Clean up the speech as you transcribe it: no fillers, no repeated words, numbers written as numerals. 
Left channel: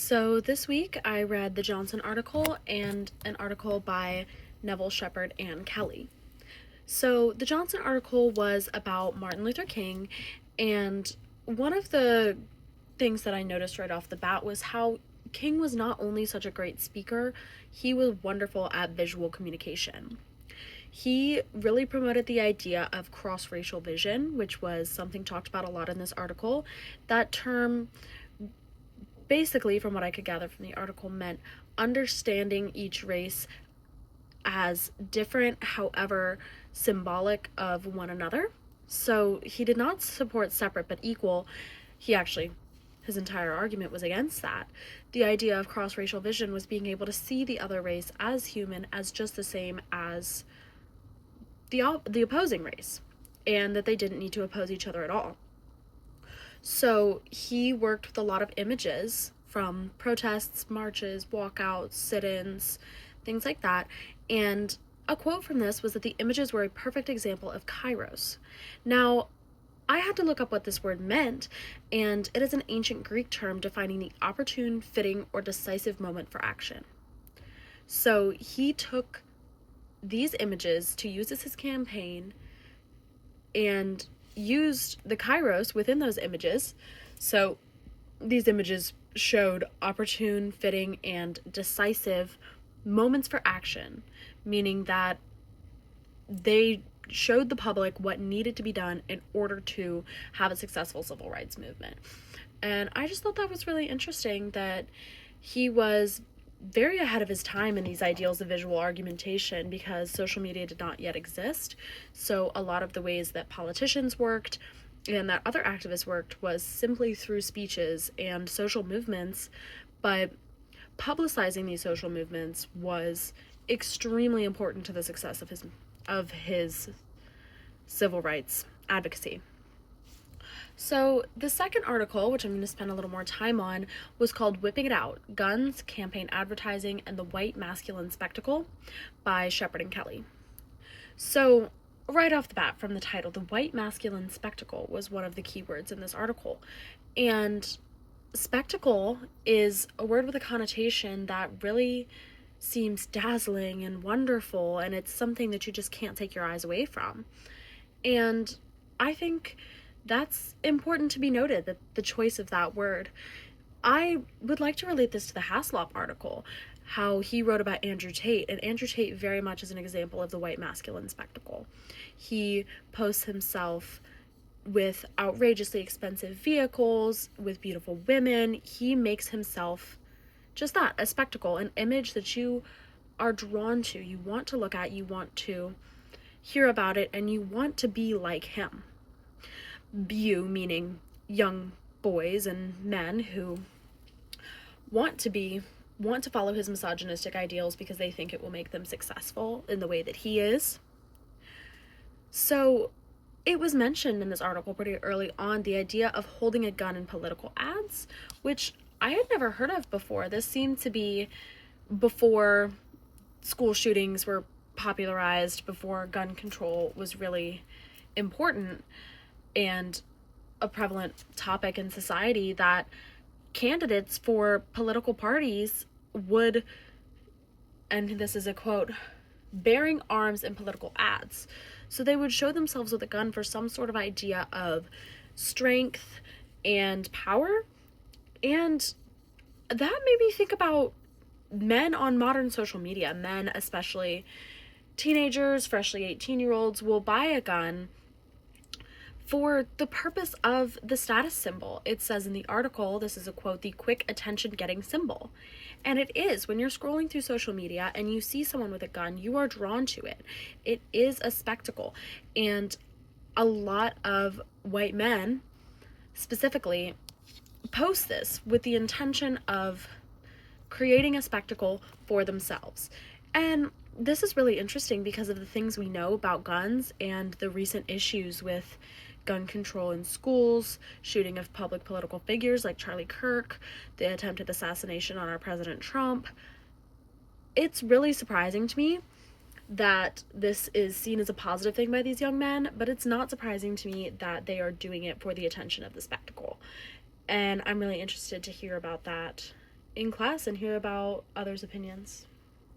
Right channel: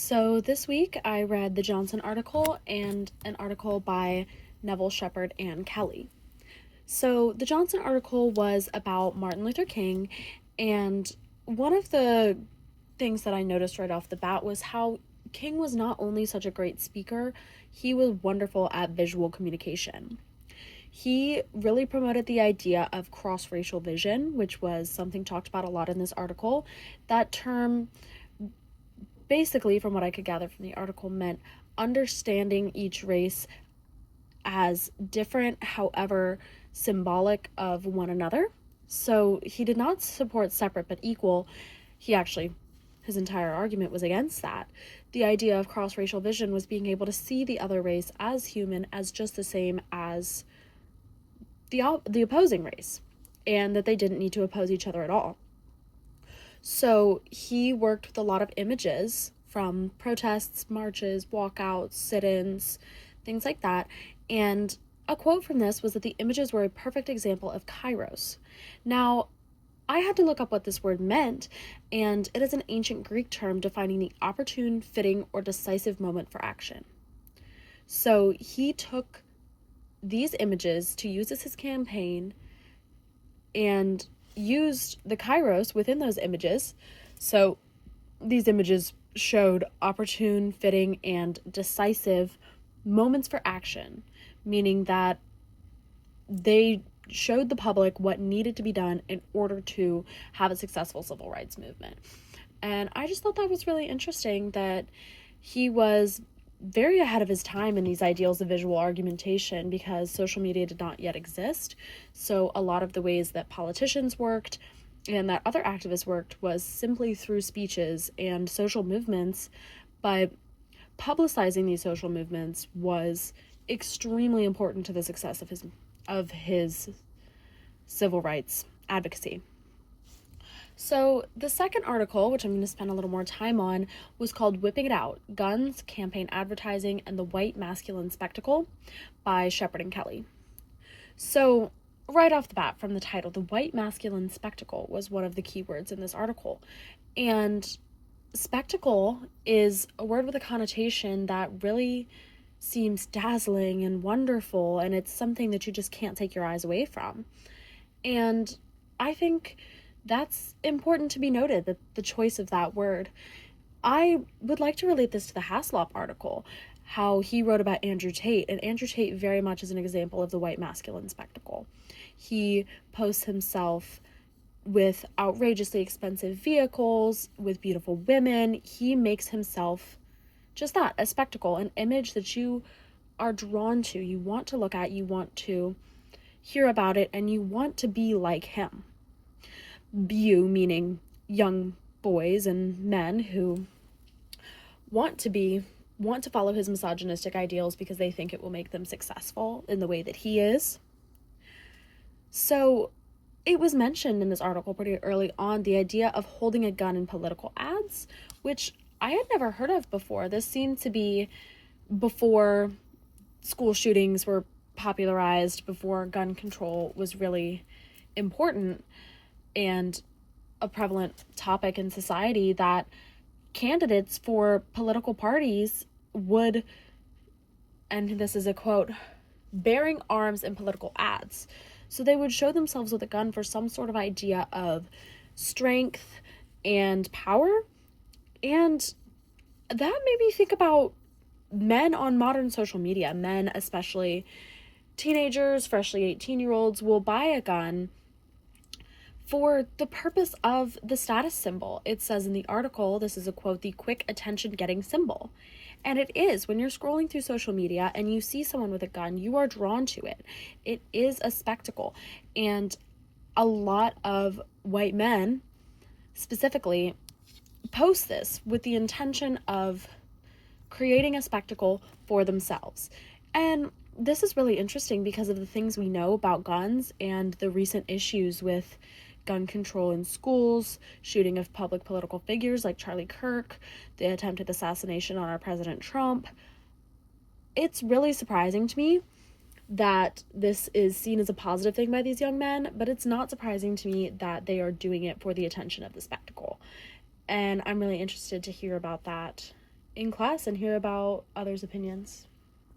So this week I read the Johnson article and an article by Neville-Shepherd and Kelly. So the Johnson article was about Martin Luther King, and one of the things that I noticed right off the bat was how King was not only such a great speaker, he was wonderful at visual communication. He really promoted the idea of cross-racial vision, which was something talked about a lot in this article. That term, basically, from what I could gather from the article, meant understanding each race as different, however symbolic of one another. So he did not support separate but equal. His entire argument was against that. The idea of cross-racial vision was being able to see the other race as human, as just the same as the opposing race, and that they didn't need to oppose each other at all. So he worked with a lot of images from protests, marches, walkouts, sit-ins, things like that. And a quote from this was that the images were a perfect example of kairos. Now, I had to look up what this word meant, and it is an ancient Greek term defining the opportune, fitting, or decisive moment for action. So he took these images to use as his campaign and used the kairos within those images. So these images showed opportune, fitting, and decisive moments for action, meaning that they showed the public what needed to be done in order to have a successful civil rights movement. And I just thought that was really interesting, that he was very ahead of his time in these ideals of visual argumentation, because social media did not yet exist. So a lot of the ways that politicians worked and that other activists worked was simply through speeches and social movements, but publicizing these social movements was extremely important to the success of his civil rights advocacy. So the second article, which I'm going to spend a little more time on, was called Whipping It Out: Guns, Campaign Advertising, and the White Masculine Spectacle by Shepherd and Kelly. So right off the bat from the title, the white masculine spectacle was one of the key words in this article. And spectacle is a word with a connotation that really seems dazzling and wonderful, and it's something that you just can't take your eyes away from. And I think that's important to be noted, that the choice of that word. I would like to relate this to the Haslop article, how he wrote about Andrew Tate, and Andrew Tate very much is an example of the white masculine spectacle. He posts himself with outrageously expensive vehicles, with beautiful women. He makes himself just that, a spectacle, an image that you are drawn to, you want to look at, you want to hear about it, and you want to be like him. You, meaning young boys and men who want to follow his misogynistic ideals because they think it will make them successful in the way that he is. So it was mentioned in this article pretty early on, the idea of holding a gun in political ads, which I had never heard of before. This seemed to be before school shootings were popularized, before gun control was really important and a prevalent topic in society, that candidates for political parties would, and this is a quote, bearing arms in political ads. So they would show themselves with a gun for some sort of idea of strength and power. And that made me think about men on modern social media. Men, especially teenagers, freshly 18-year-olds, will buy a gun for the purpose of the status symbol. It says in the article, this is a quote, the quick attention-getting symbol. And it is. When you're scrolling through social media and you see someone with a gun, you are drawn to it. It is a spectacle. And a lot of white men, specifically, post this with the intention of creating a spectacle for themselves. And this is really interesting because of the things we know about guns and the recent issues with gun control in schools, shooting of public political figures like Charlie Kirk, the attempted assassination on our President Trump. It's really surprising to me that this is seen as a positive thing by these young men, but it's not surprising to me that they are doing it for the attention of the spectacle. And I'm really interested to hear about that in class and hear about others' opinions.